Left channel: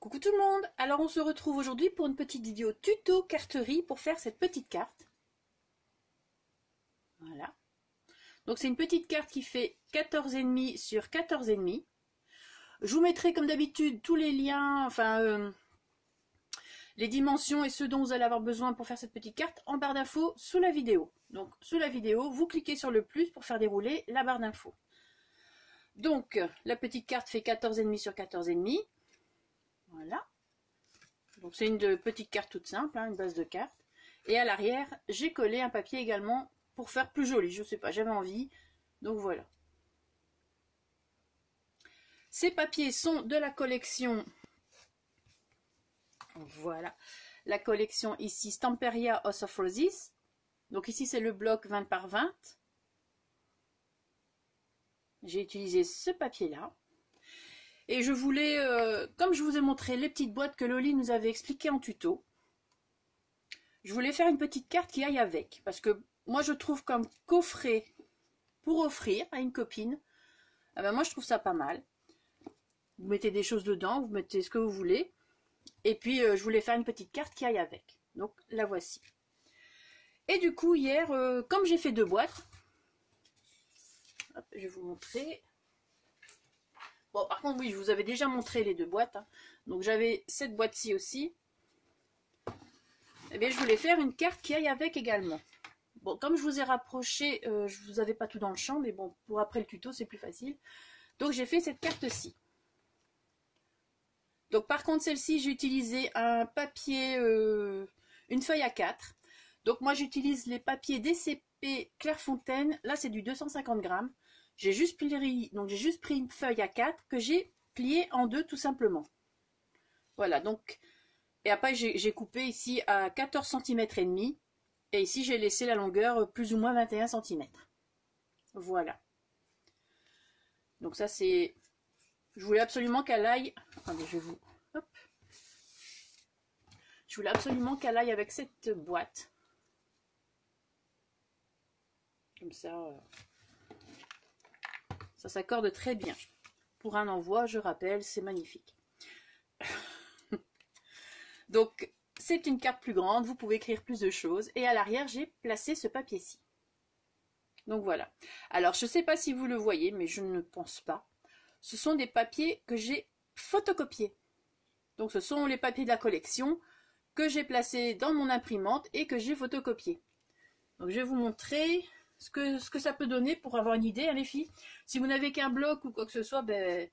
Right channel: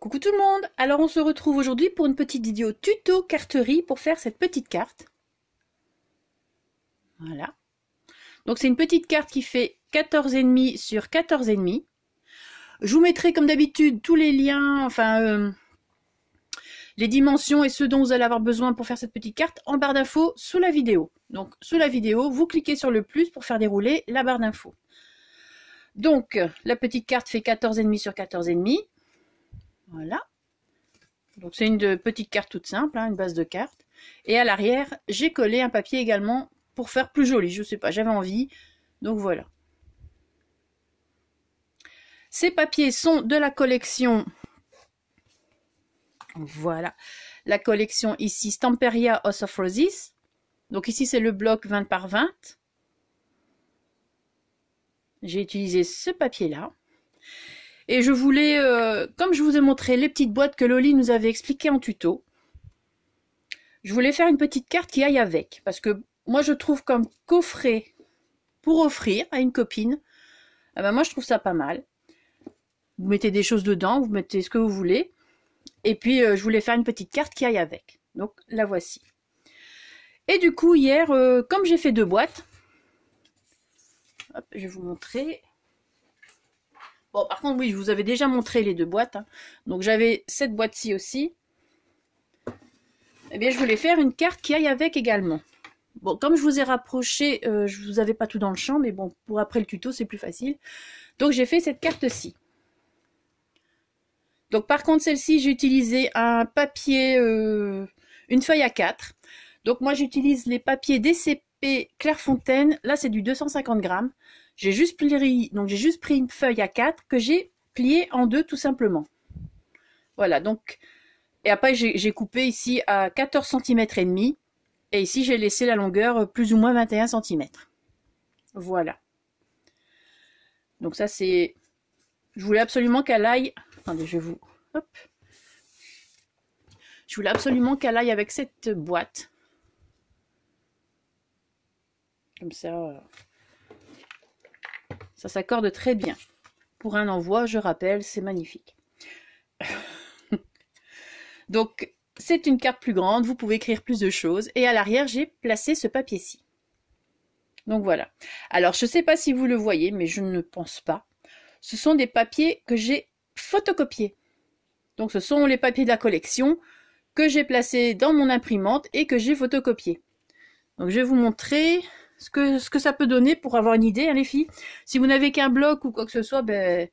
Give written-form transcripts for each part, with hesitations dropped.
Coucou tout le monde. Alors on se retrouve aujourd'hui pour une petite vidéo tuto carterie pour faire cette petite carte. Voilà. Donc c'est une petite carte qui fait 14,5 sur 14,5. Je vous mettrai comme d'habitude tous les liens, les dimensions et ce dont vous allez avoir besoin pour faire cette petite carte en barre d'infos sous la vidéo. Donc sous la vidéo, vous cliquez sur le plus pour faire dérouler la barre d'infos. Donc la petite carte fait 14,5 sur 14,5. Voilà. Donc c'est une petite carte toute simple, hein, une base de carte. Et à l'arrière, j'ai collé un papier également pour faire plus joli. Je sais pas, j'avais envie. Donc voilà. Ces papiers sont de la collection. Voilà. La collection ici, Stamperia House of Roses. Donc ici, c'est le bloc 20 par 20. J'ai utilisé ce papier-là. Et je voulais, comme je vous ai montré les petites boîtes que Loli nous avait expliquées en tuto, je voulais faire une petite carte qui aille avec. Parce que moi, je trouve comme coffret pour offrir à une copine, eh ben moi, je trouve ça pas mal. Vous mettez des choses dedans, vous mettez ce que vous voulez. Et puis, je voulais faire une petite carte qui aille avec. Donc, la voici. Et du coup, hier, comme j'ai fait 2 boîtes, hop, je vais vous montrer. Bon, par contre, oui, je vous avais déjà montré les 2 boîtes. Hein. Donc, j'avais cette boîte-ci aussi. Eh bien, je voulais faire une carte qui aille avec également. Bon, comme je vous ai rapproché, je vous avais pas tout dans le champ, mais bon, pour après le tuto, c'est plus facile. Donc, j'ai fait cette carte-ci. Donc, par contre, celle-ci, j'ai utilisé un papier, une feuille A4. Donc, moi, j'utilise les papiers DCP Clairefontaine. Là, c'est du 250 grammes. J'ai juste pris une feuille A4 que j'ai pliée en 2 tout simplement. Voilà, donc, et après j'ai coupé ici à 14 cm et demi. Et ici j'ai laissé la longueur plus ou moins 21 cm. Voilà. Donc ça c'est, je voulais absolument qu'elle aille, attendez je vous, hop. Je voulais absolument qu'elle aille avec cette boîte. Comme ça... Ça s'accorde très bien. Pour un envoi, je rappelle, c'est magnifique. Donc, c'est une carte plus grande, vous pouvez écrire plus de choses. Et à l'arrière, j'ai placé ce papier-ci. Donc voilà. Alors, je ne sais pas si vous le voyez, mais je ne pense pas. Ce sont des papiers que j'ai photocopiés. Donc, ce sont les papiers de la collection que j'ai placés dans mon imprimante et que j'ai photocopiés. Donc, je vais vous montrer... Ce que ça peut donner pour avoir une idée, hein, les filles. Si vous n'avez qu'un bloc ou quoi que ce soit, ben,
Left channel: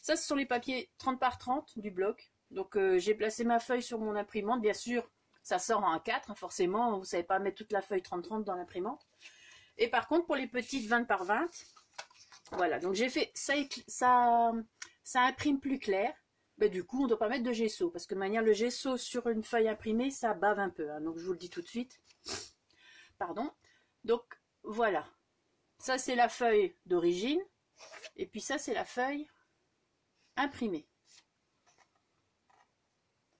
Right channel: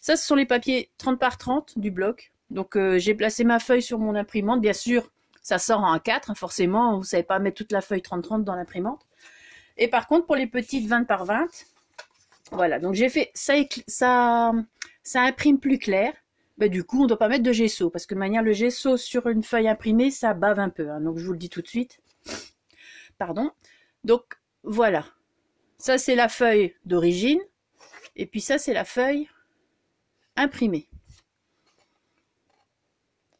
ça, ce sont les papiers 30 par 30 du bloc. Donc, j'ai placé ma feuille sur mon imprimante. Bien sûr, ça sort en A4, hein, forcément. Vous ne savez pas mettre toute la feuille 30-30 dans l'imprimante. Et par contre, pour les petites 20 par 20, voilà. Donc, j'ai fait ça imprime plus clair. Ben, du coup, on ne doit pas mettre de gesso. Parce que de manière, le gesso sur une feuille imprimée, ça bave un peu. Hein, donc, je vous le dis tout de suite. Pardon. Donc, voilà, ça c'est la feuille d'origine, et puis ça c'est la feuille imprimée.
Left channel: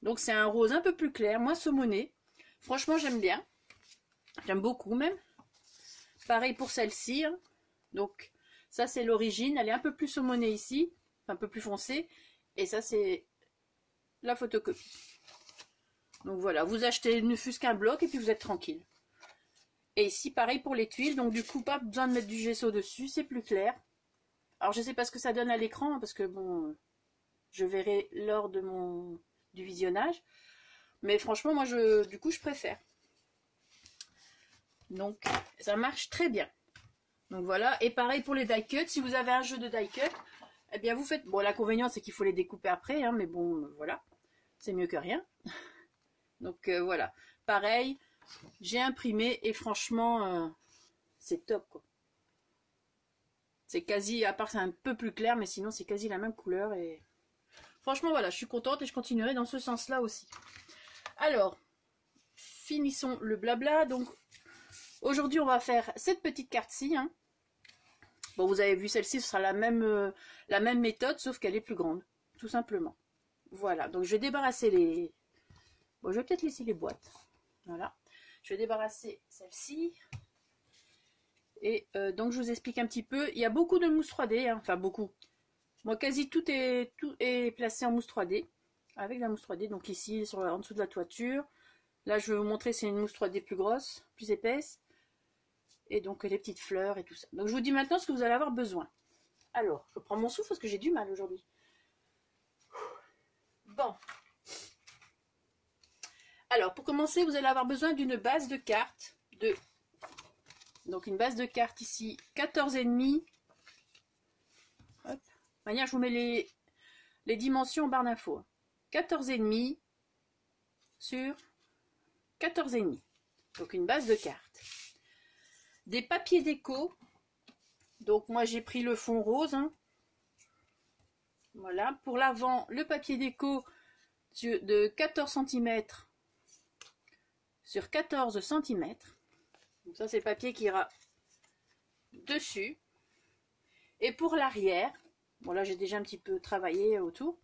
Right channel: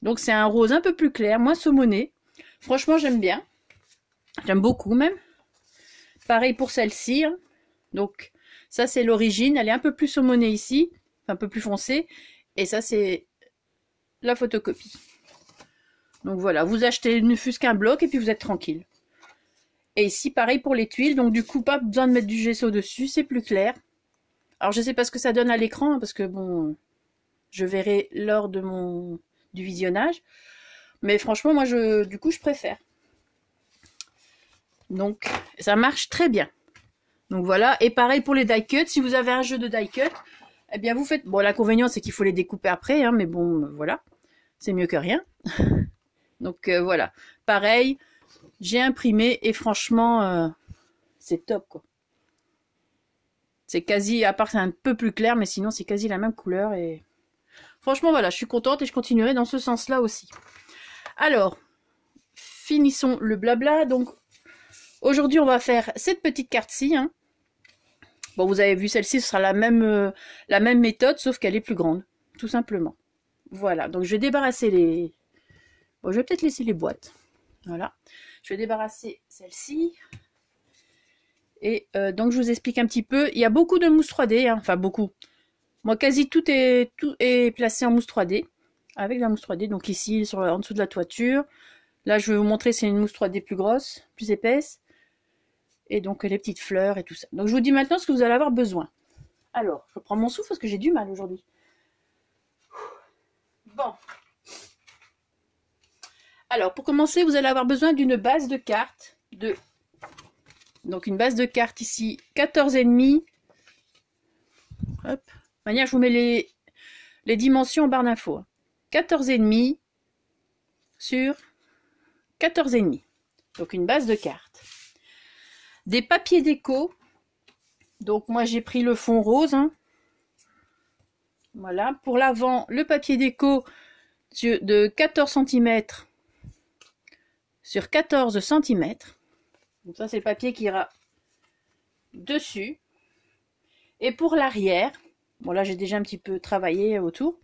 Donc c'est un rose un peu plus clair, moins saumonné. Franchement j'aime bien, j'aime beaucoup même. Pareil pour celle-ci, hein. Donc ça c'est l'origine, elle est un peu plus saumonnée ici, un peu plus foncée, et ça c'est la photocopie. Donc voilà, vous achetez ne fût-ce qu'un bloc et puis vous êtes tranquille. Et ici, pareil pour les tuiles. Donc, du coup, pas besoin de mettre du gesso dessus. C'est plus clair. Alors, je ne sais pas ce que ça donne à l'écran. Parce que, bon, je verrai lors de du visionnage. Mais franchement, moi, du coup, je préfère. Donc, ça marche très bien. Donc, voilà. Et pareil pour les die cut. Si vous avez un jeu de die cut, eh bien, vous faites... Bon, l'inconvénient, c'est qu'il faut les découper après. Hein, mais bon, voilà. C'est mieux que rien. Donc, voilà. Pareil... J'ai imprimé et franchement, c'est top quoi. C'est quasi, à part que c'est un peu plus clair, mais sinon c'est quasi la même couleur. Et franchement voilà, je suis contente et je continuerai dans ce sens-là aussi. Alors, finissons le blabla. Donc, aujourd'hui on va faire cette petite carte-ci. Hein. Bon, vous avez vu celle-ci, ce sera la même méthode, sauf qu'elle est plus grande, tout simplement. Voilà, donc je vais débarrasser les... Bon, je vais peut-être laisser les boîtes. Voilà. Je vais débarrasser celle-ci. Et donc, je vous explique un petit peu. Il y a beaucoup de mousse 3D. Hein. Enfin, beaucoup. Moi, quasi tout est placé en mousse 3D. avec la mousse 3D. Donc ici, en dessous de la toiture. Là, je vais vous montrer, c'est une mousse 3D plus grosse, plus épaisse. Et donc les petites fleurs et tout ça. Donc je vous dis maintenant ce que vous allez avoir besoin. Alors, je prends mon souffle parce que j'ai du mal aujourd'hui. Bon. Alors, pour commencer, vous allez avoir besoin d'une base de cartes. Donc une base de cartes ici, 14,5. Hop. De manière, je vous mets les dimensions en barre d'infos. 14,5 sur 14,5. Donc une base de cartes. Des papiers déco. Donc moi j'ai pris le fond rose. Hein. Voilà. Pour l'avant, le papier déco de 14 cm sur 14 cm. Donc ça c'est le papier qui ira dessus. Et pour l'arrière, bon là j'ai déjà un petit peu travaillé autour.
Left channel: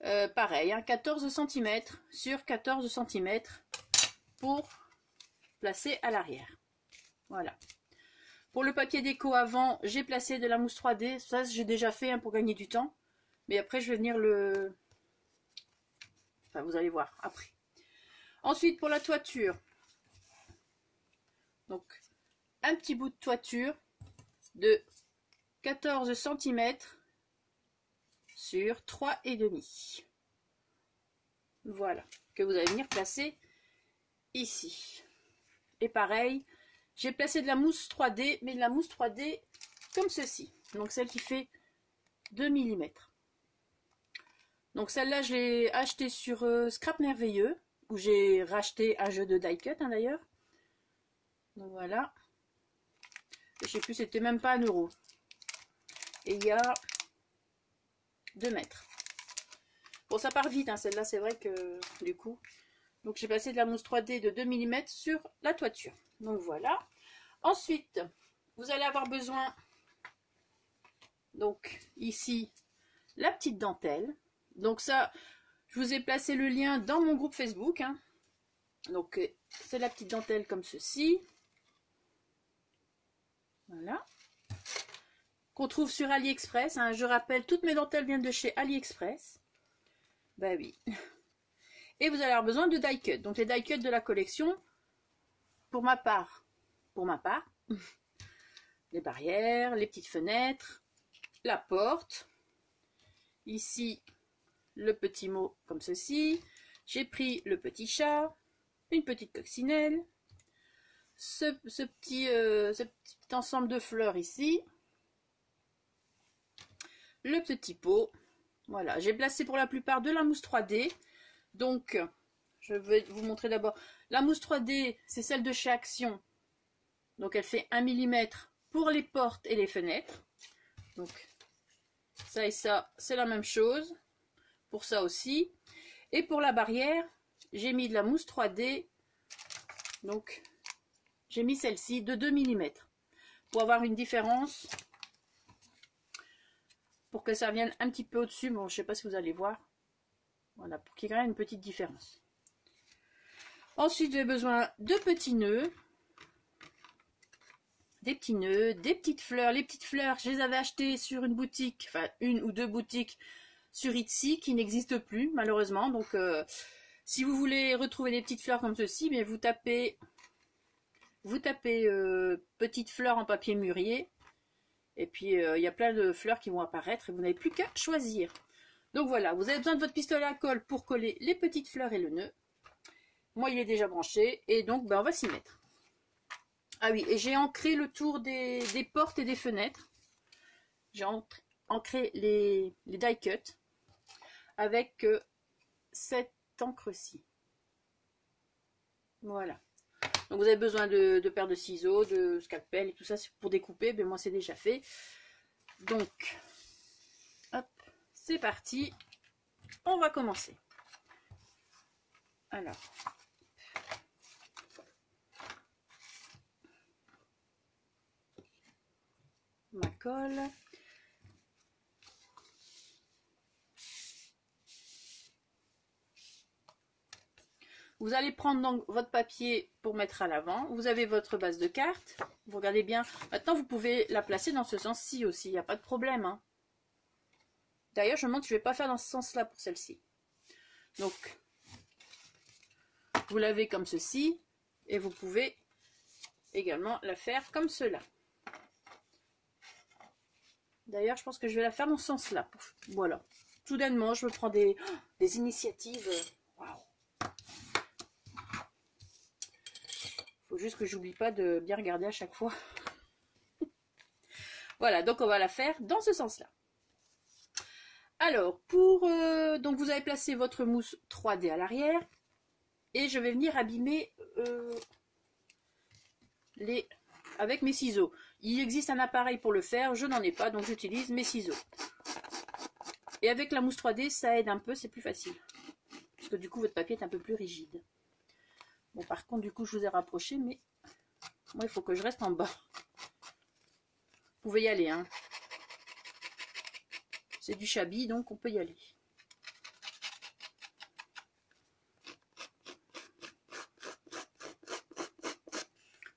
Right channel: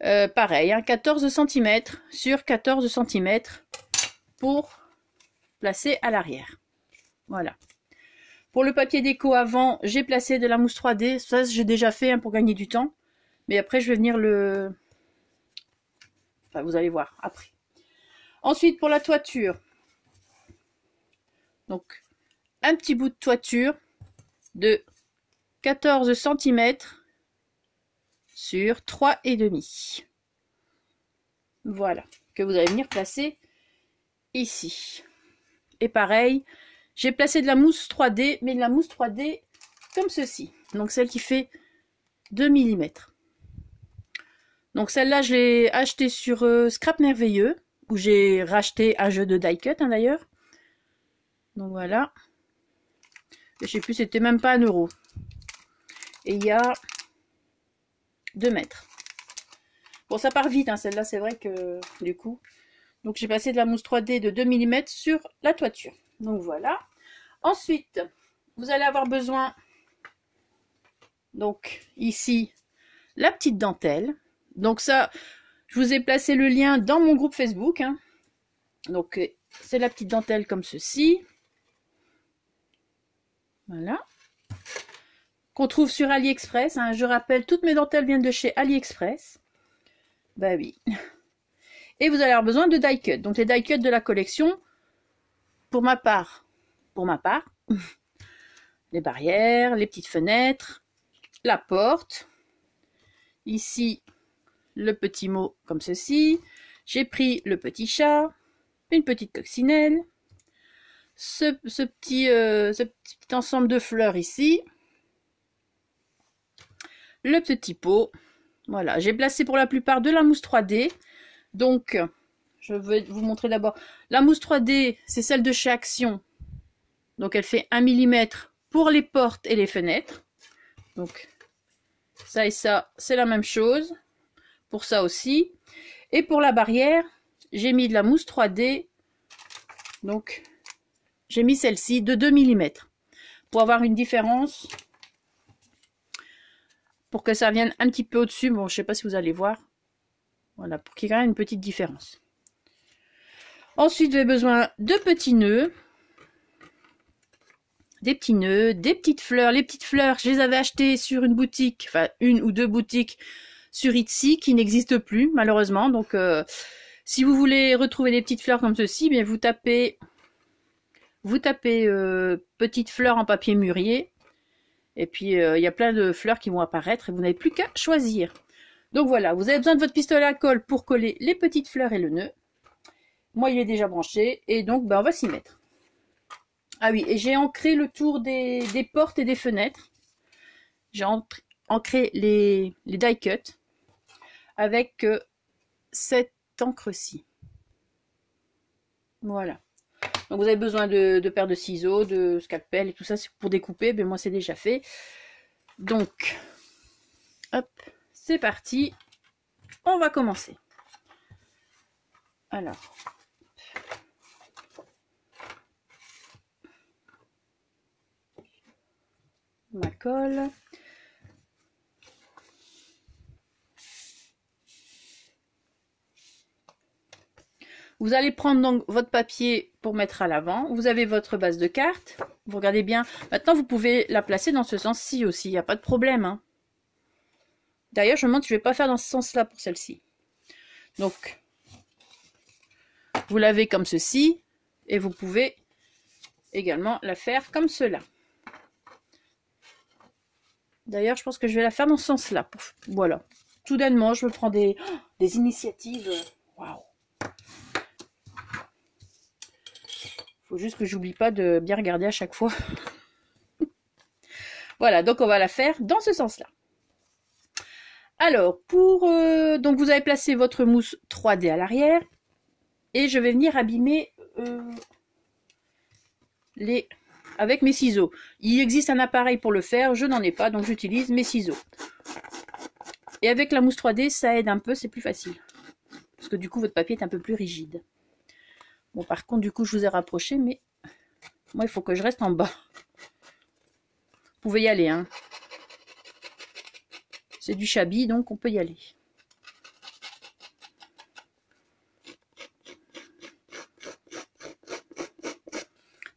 Pareil, hein, 14 cm sur 14 cm pour placer à l'arrière. Voilà. Pour le papier déco avant, j'ai placé de la mousse 3D. Ça, j'ai déjà fait hein, pour gagner du temps. Mais après, je vais venir le... Enfin, vous allez voir après. Ensuite, pour la toiture. Donc, un petit bout de toiture de 14 cm sur 3,5. Voilà. Que vous allez venir placer ici. Et pareil, j'ai placé de la mousse 3D, mais de la mousse 3D comme ceci. Donc celle qui fait 2 mm. Donc celle-là, je l'ai achetée sur Scrap Merveilleux, où j'ai racheté un jeu de die cut hein, d'ailleurs. Donc voilà. Et je sais plus, c'était même pas 1 €. Et il y a 2 mètres. Bon, ça part vite, hein, celle-là, c'est vrai que du coup. Donc j'ai passé de la mousse 3D de 2 mm sur la toiture. Donc voilà. Ensuite, vous allez avoir besoin, donc ici, la petite dentelle. Donc ça, je vous ai placé le lien dans mon groupe Facebook. Hein. Donc c'est la petite dentelle comme ceci. Voilà. Qu'on trouve sur AliExpress. Hein. Je rappelle, toutes mes dentelles viennent de chez AliExpress. Bah oui. Et vous allez avoir besoin de die cut. Donc les die cut de la collection, pour ma part, les barrières, les petites fenêtres, la porte. Ici, le petit mot comme ceci. J'ai pris le petit chat, une petite coccinelle, ce petit ensemble de fleurs ici, le petit pot. Voilà, j'ai placé pour la plupart de la mousse 3D. Donc, je vais vous montrer d'abord. La mousse 3D, c'est celle de chez Action. Donc, elle fait 1 mm pour les portes et les fenêtres. Donc, ça et ça, c'est la même chose. Pour ça aussi. Et pour la barrière, j'ai mis de la mousse 3D. Donc, j'ai mis celle-ci de 2 mm. Pour avoir une différence. Pour que ça vienne un petit peu au-dessus. Bon, je ne sais pas si vous allez voir. Voilà, pour qu'il y ait quand même une petite différence. Ensuite, vous avez besoin de petits nœuds. Des petits nœuds, des petites fleurs. Les petites fleurs, je les avais achetées sur une boutique, enfin une ou deux boutiques sur Etsy qui n'existent plus malheureusement. Donc, si vous voulez retrouver des petites fleurs comme ceci, bien vous tapez petites fleurs en papier mûrier. Et puis, il y a plein de fleurs qui vont apparaître et vous n'avez plus qu'à choisir. Donc voilà, vous avez besoin de votre pistolet à colle pour coller les petites fleurs et le nœud. Moi, il est déjà branché et donc ben, on va s'y mettre. Ah oui, et j'ai ancré le tour des portes et des fenêtres. J'ai ancré les die cut avec cette encre-ci. Voilà. Donc vous avez besoin de paires de ciseaux, de scalpel et tout ça pour découper. Mais moi, c'est déjà fait. Donc, hop. C'est parti, on va commencer. Alors, ma colle. Vous allez prendre donc votre papier pour mettre à l'avant. Vous avez votre base de cartes. Vous regardez bien. Maintenant, vous pouvez la placer dans ce sens-ci aussi. Il n'y a pas de problème. Hein. D'ailleurs, je me demande si je ne vais pas faire dans ce sens-là pour celle-ci. Donc, vous lavez comme ceci et vous pouvez également la faire comme cela. D'ailleurs, je pense que je vais la faire dans ce sens-là. Voilà. Soudainement, je me prends des initiatives. Waouh! Faut juste que j'oublie pas de bien regarder à chaque fois. Voilà, donc on va la faire dans ce sens-là. Alors, donc vous avez placé votre mousse 3D à l'arrière. Et je vais venir abîmer avec mes ciseaux. Il existe un appareil pour le faire, je n'en ai pas, donc j'utilise mes ciseaux. Et avec la mousse 3D, ça aide un peu, c'est plus facile. Parce que du coup, votre papier est un peu plus rigide. Bon, par contre, du coup, je vous ai rapproché, mais moi, il faut que je reste en bas. Vous pouvez y aller, hein. C'est du Chabi, donc on peut y aller.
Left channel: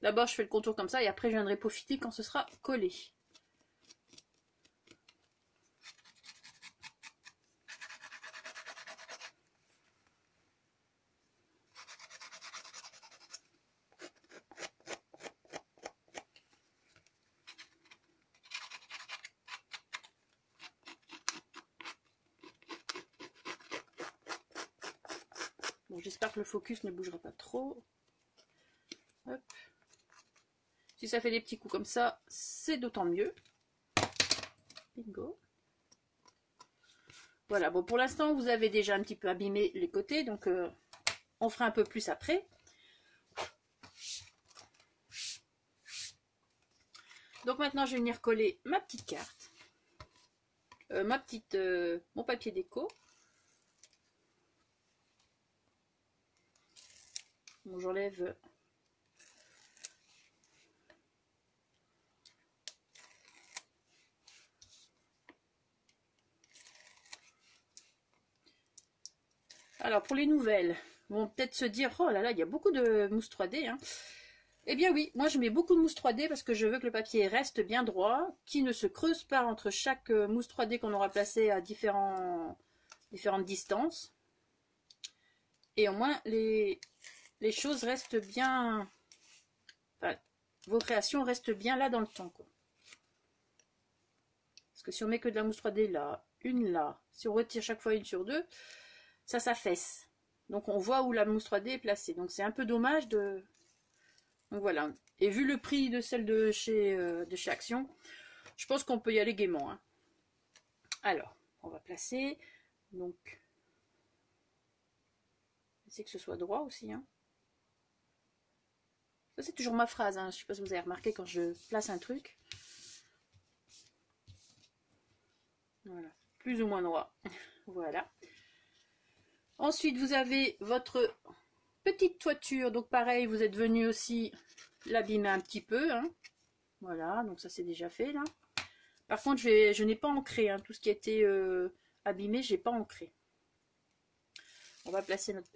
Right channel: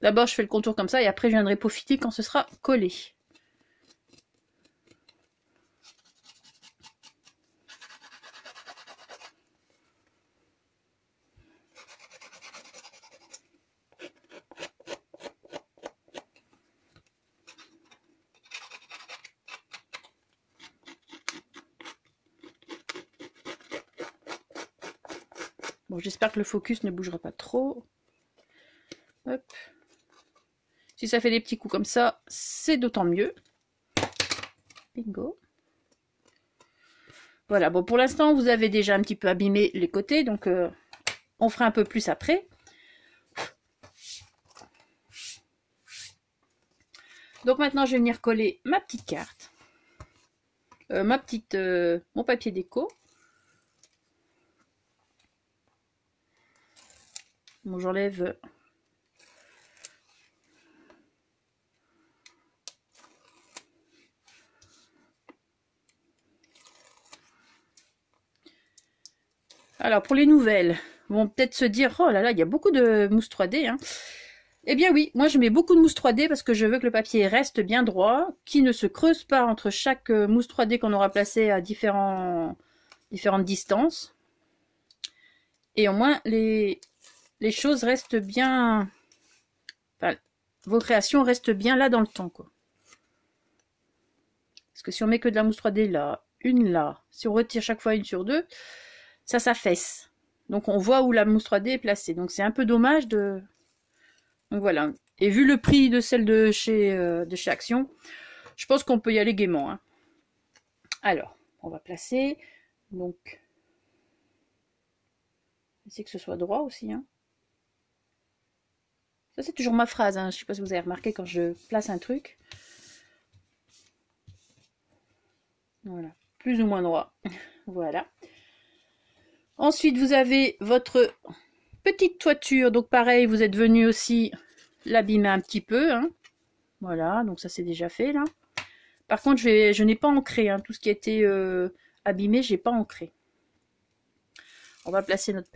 D'abord, je fais le contour comme ça et après, je viendrai peaufiner quand ce sera collé. Bon, j'espère que le focus ne bougera pas trop. Hop. Si ça fait des petits coups comme ça, c'est d'autant mieux. Bingo. Voilà, bon, pour l'instant, vous avez déjà un petit peu abîmé les côtés, donc on fera un peu plus après. Donc maintenant, je vais venir coller ma petite carte. Mon papier déco. Bon, j'enlève... Alors, pour les nouvelles, vont peut-être se dire, oh là là, il y a beaucoup de mousse 3D. Hein. Eh bien oui, moi je mets beaucoup de mousse 3D parce que je veux que le papier reste bien droit, qu'il ne se creuse pas entre chaque mousse 3D qu'on aura placé à différentes distances. Et au moins, les choses restent bien... Enfin, vos créations restent bien là dans le temps, quoi. Parce que si on met que de la mousse 3D là, une là, si on retire chaque fois une sur deux, ça s'affaisse. Donc on voit où la mousse 3D est placée. Donc c'est un peu dommage de... Donc voilà. Et vu le prix de celle de chez Action, je pense qu'on peut y aller gaiement. Hein. Alors, on va placer. Donc, essayer que ce soit droit aussi. Hein. Ça c'est toujours ma phrase. Hein. Je ne sais pas si vous avez remarqué quand je place un truc. Voilà. Plus ou moins droit. Voilà. Ensuite, vous avez votre petite toiture. Donc pareil, vous êtes venu aussi l'abîmer un petit peu. Hein. Voilà, donc ça c'est déjà fait là. Par contre, je n'ai pas ancré. Hein. Tout ce qui a été abîmé, je n'ai pas ancré. On va placer notre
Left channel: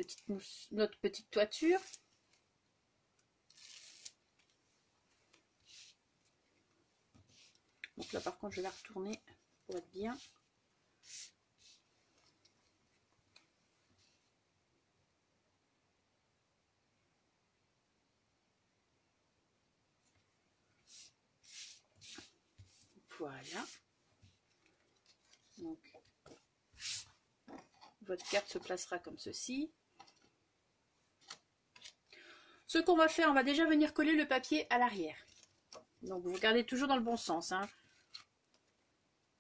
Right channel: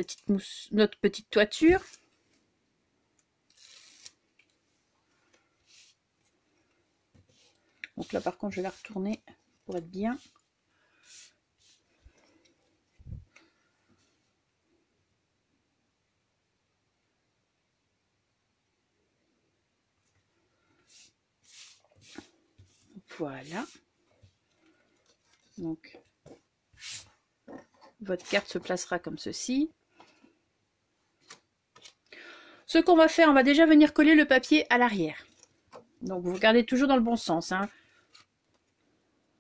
petite toiture. Donc là, par contre, je vais la retourner pour être bien. Voilà. Donc, votre carte se placera comme ceci. Ce qu'on va faire, on va déjà venir coller le papier à l'arrière. Donc, vous regardez toujours dans le bon sens. Hein.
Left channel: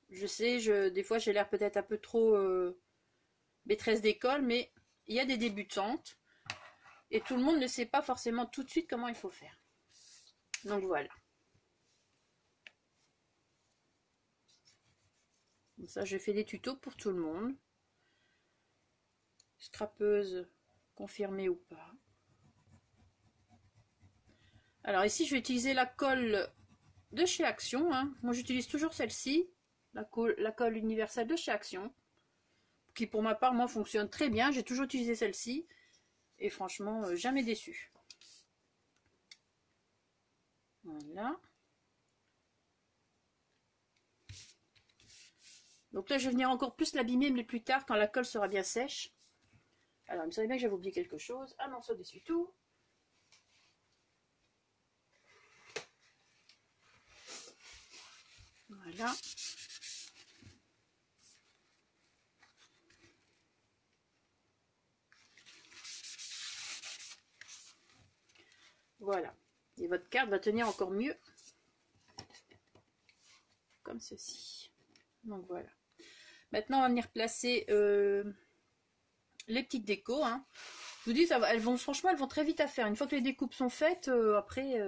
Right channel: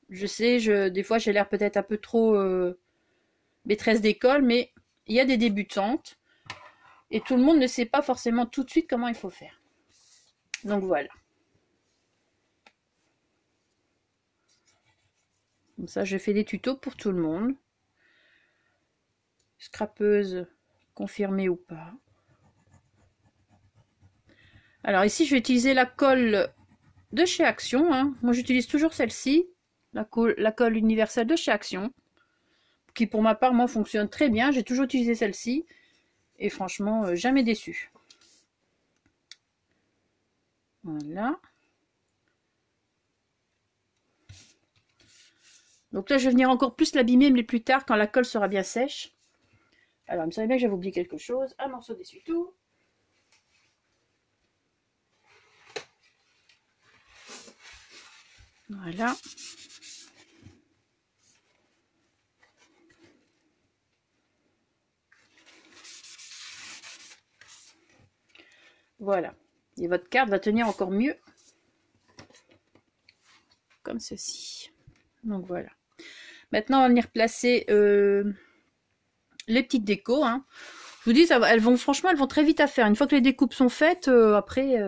Je sais, des fois, j'ai l'air peut-être un peu trop maîtresse d'école, mais il y a des débutantes. Et tout le monde ne sait pas forcément tout de suite comment il faut faire. Donc, voilà. Comme ça, je fais des tutos pour tout le monde. Scrapeuse confirmée ou pas. Alors ici, je vais utiliser la colle de chez Action. Hein. Moi, j'utilise toujours celle-ci, la colle universelle de chez Action, qui pour ma part, moi, fonctionne très bien. J'ai toujours utilisé celle-ci et franchement, jamais déçu. Voilà. Donc là, je vais venir encore plus l'abîmer, mais plus tard, quand la colle sera bien sèche. Alors, il me semblait bien que j'avais oublié quelque chose. Un morceau d'essuie-tout. Voilà. Voilà. Et votre carte va tenir encore mieux. Comme ceci. Donc voilà. Maintenant, on va venir placer les petites décos. Hein. Je vous dis, elles vont franchement, elles vont très vite à faire. Une fois que les découpes sont faites, après,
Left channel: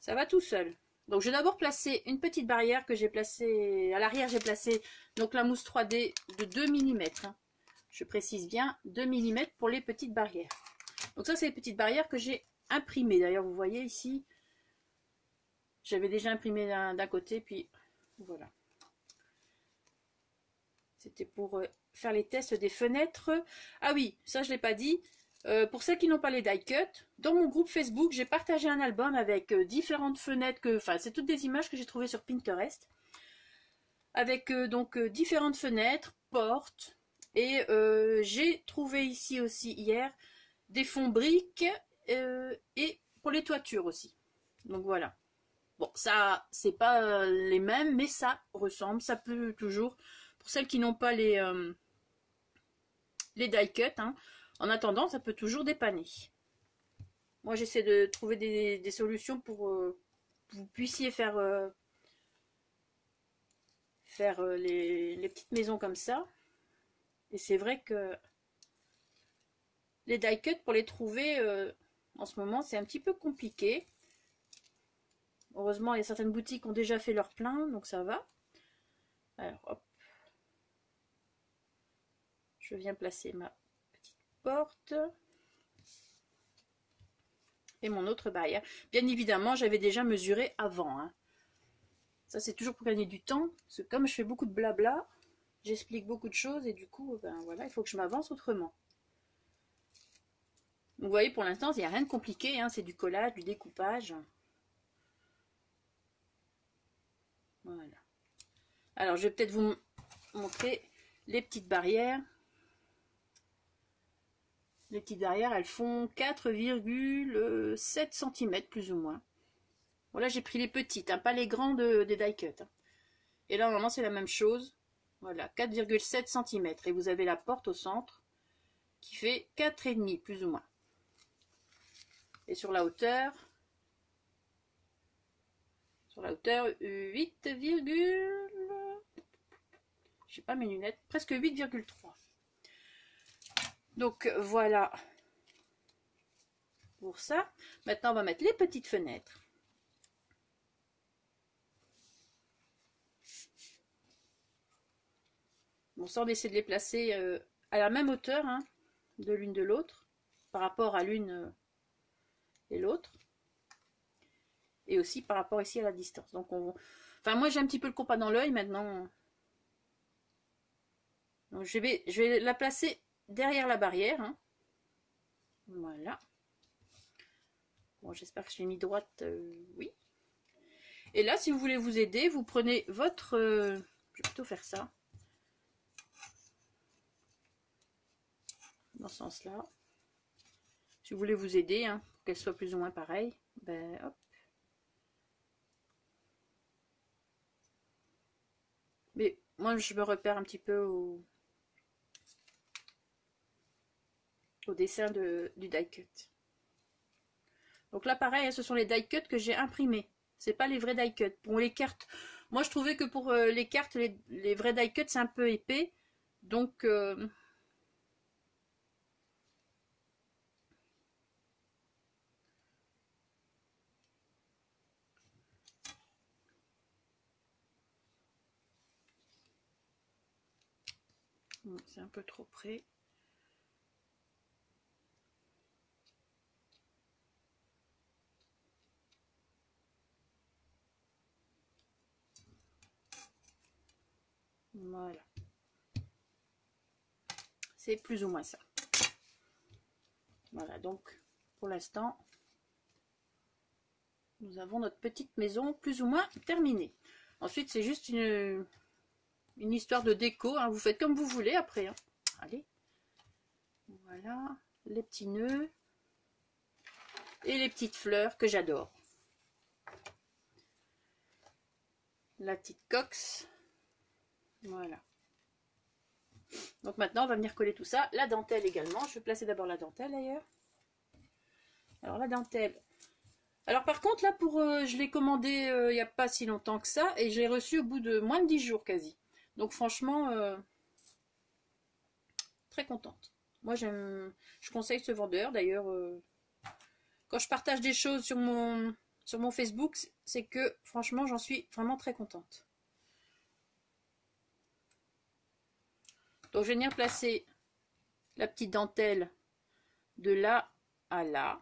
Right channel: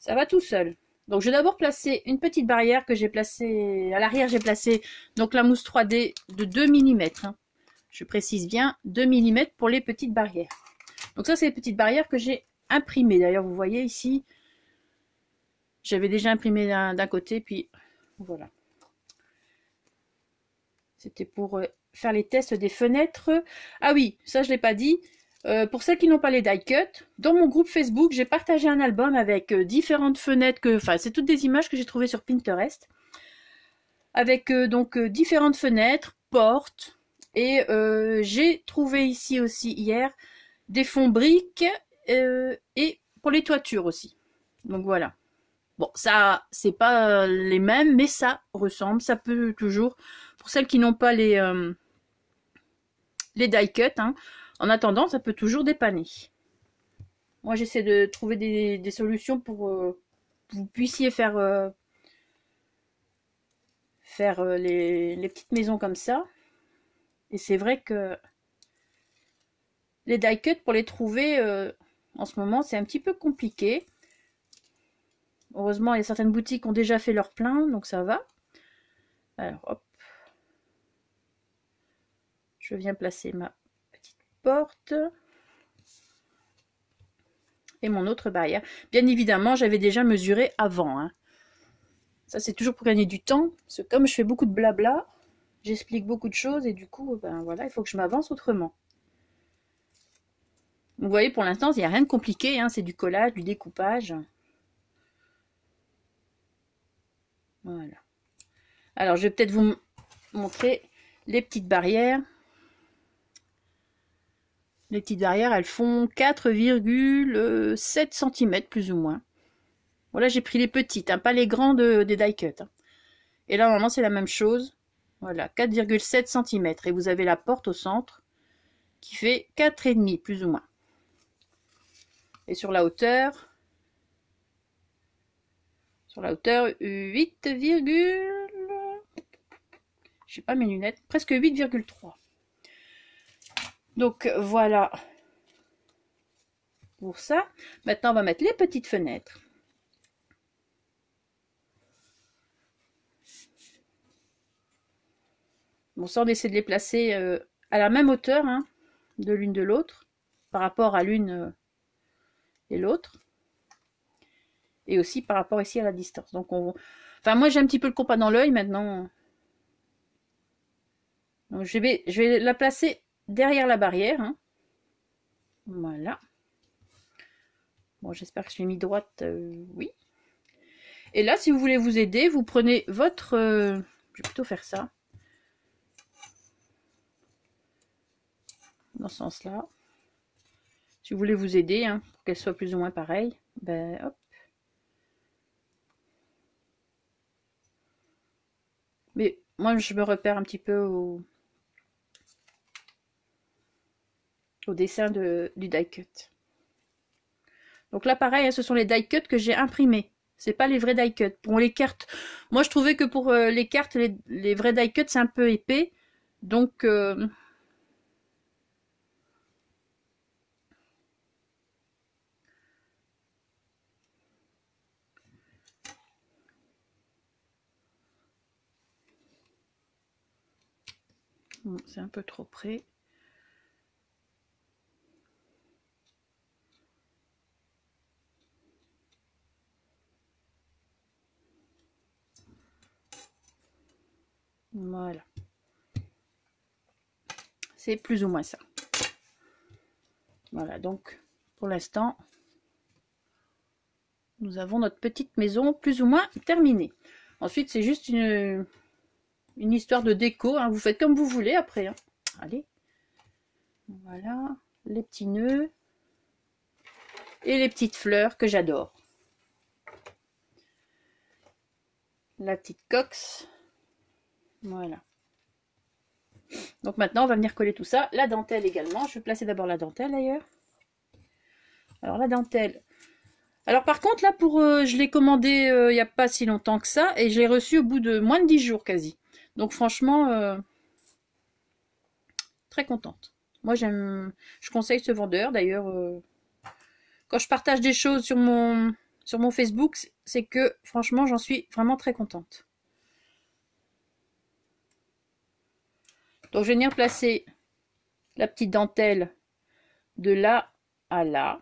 ça va tout seul. Donc, je vais d'abord placer une petite barrière que j'ai placée. À l'arrière, j'ai placé donc la mousse 3D de 2 mm. Hein. Je précise bien 2 mm pour les petites barrières. Donc ça, c'est les petites barrières que j'ai imprimées. D'ailleurs, vous voyez ici, j'avais déjà imprimé d'un côté, puis voilà. C'était pour faire les tests des fenêtres. Ah oui, ça, je ne l'ai pas dit. Pour celles qui n'ont pas les die cut, dans mon groupe Facebook, j'ai partagé un album avec différentes fenêtres. Enfin, c'est toutes des images que j'ai trouvées sur Pinterest. Avec donc différentes fenêtres, portes. Et j'ai trouvé ici aussi hier des fonds briques et pour les toitures aussi. Donc voilà. Bon, ça, c'est pas les mêmes, mais ça ressemble. Ça peut toujours, pour celles qui n'ont pas les die cut, hein, en attendant, ça peut toujours dépanner. Moi, j'essaie de trouver des solutions pour que vous puissiez faire les petites maisons comme ça. Et c'est vrai que les die cut, pour les trouver en ce moment, c'est un petit peu compliqué. Heureusement, il y a certaines boutiques qui ont déjà fait leur plein, donc ça va. Alors, hop. Je viens placer ma petite porte. Et mon autre barrière. Bien évidemment, j'avais déjà mesuré avant. Hein. Ça, c'est toujours pour gagner du temps. Parce que comme je fais beaucoup de blabla, j'explique beaucoup de choses et du coup, ben voilà, il faut que je m'avance autrement. Vous voyez, pour l'instant, il n'y a rien de compliqué. Hein, c'est du collage, du découpage. Voilà. Alors, je vais peut-être vous montrer les petites barrières. Les petites barrières, elles font 4,7 cm plus ou moins. Voilà, j'ai pris les petites, hein, pas les grandes des die cut. Hein. Et là, normalement, c'est la même chose. Voilà, 4,7 cm. Et vous avez la porte au centre qui fait 4,5 plus ou moins. Et sur la hauteur, 8, je sais pas mes lunettes, presque 8,3. Donc voilà pour ça. Maintenant, on va mettre les petites fenêtres. Bon, ça, on essaie de les placer à la même hauteur, hein, de l'une de l'autre, par rapport à l'une et l'autre. Et aussi par rapport ici à la distance. Donc, enfin, moi, j'ai un petit peu le compas dans l'œil maintenant. Donc, je vais la placer derrière la barrière. Hein. Voilà. Bon, j'espère que je l'ai mis droite. Oui. Et là, si vous voulez vous aider, vous prenez votre... je vais plutôt faire ça. Dans ce sens-là. Si vous voulez vous aider, hein, pour qu'elle soit plus ou moins pareille, ben hop. Mais moi, je me repère un petit peu au dessin du die cut. Donc là, pareil, hein, ce sont les die cut que j'ai imprimés. C'est pas les vrais die cut. Pour les cartes, moi, je trouvais que pour les cartes, les vrais die cut, c'est un peu épais. Donc... c'est un peu trop près. Voilà. C'est plus ou moins ça. Voilà, donc pour l'instant, nous avons notre petite maison plus ou moins terminée. Ensuite, c'est juste une histoire de déco. Hein. Vous faites comme vous voulez après. Hein. Allez. Voilà, les petits nœuds et les petites fleurs que j'adore. La petite cox. Voilà. Donc maintenant, on va venir coller tout ça. La dentelle également. Je vais placer d'abord la dentelle d'ailleurs. Alors la dentelle. Alors par contre, là, je l'ai commandé il n'y a pas si longtemps que ça. Et je l'ai reçu au bout de moins de 10 jours quasi. Donc franchement, très contente. Moi, je conseille ce vendeur. D'ailleurs, quand je partage des choses sur mon Facebook, c'est que franchement, j'en suis vraiment très contente. Donc, je vais venir placer la petite dentelle de là à là.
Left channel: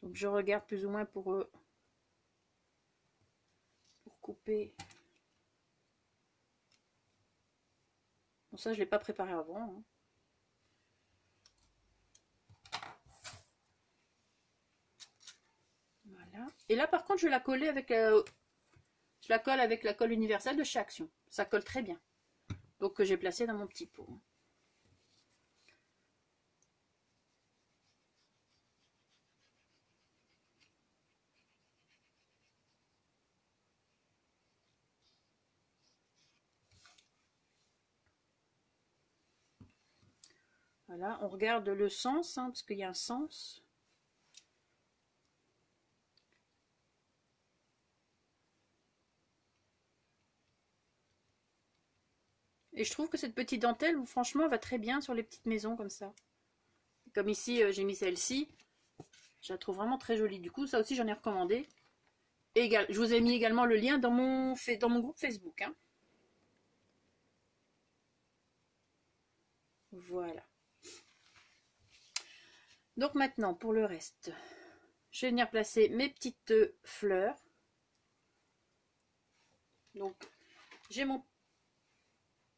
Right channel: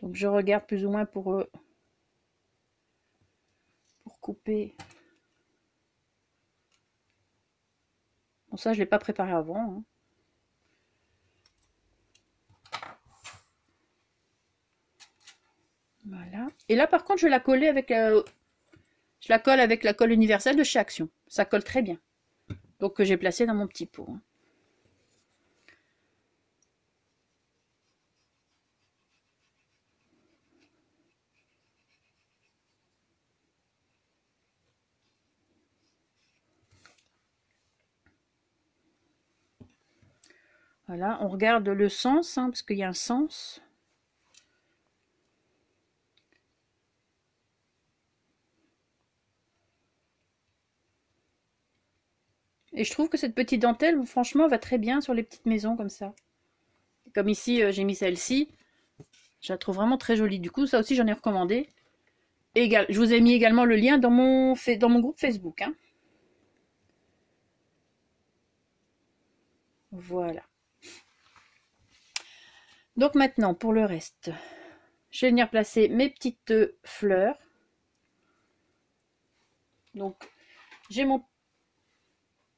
Donc, je regarde plus ou moins pour couper. Bon, ça, je ne l'ai pas préparé avant. Hein. Voilà. Et là, par contre, je vais la coller avec je la colle avec la colle universelle de chez Action. Ça colle très bien. Donc, que j'ai placé dans mon petit pot. Hein. Voilà, on regarde le sens, hein, parce qu'il y a un sens. Et je trouve que cette petite dentelle, franchement, va très bien sur les petites maisons comme ça. Comme ici, j'ai mis celle-ci. Je la trouve vraiment très jolie. Du coup, ça aussi, j'en ai recommandé. Et je vous ai mis également le lien dans mon groupe Facebook. Hein. Voilà. Donc maintenant, pour le reste, je vais venir placer mes petites fleurs. Donc, j'ai mon...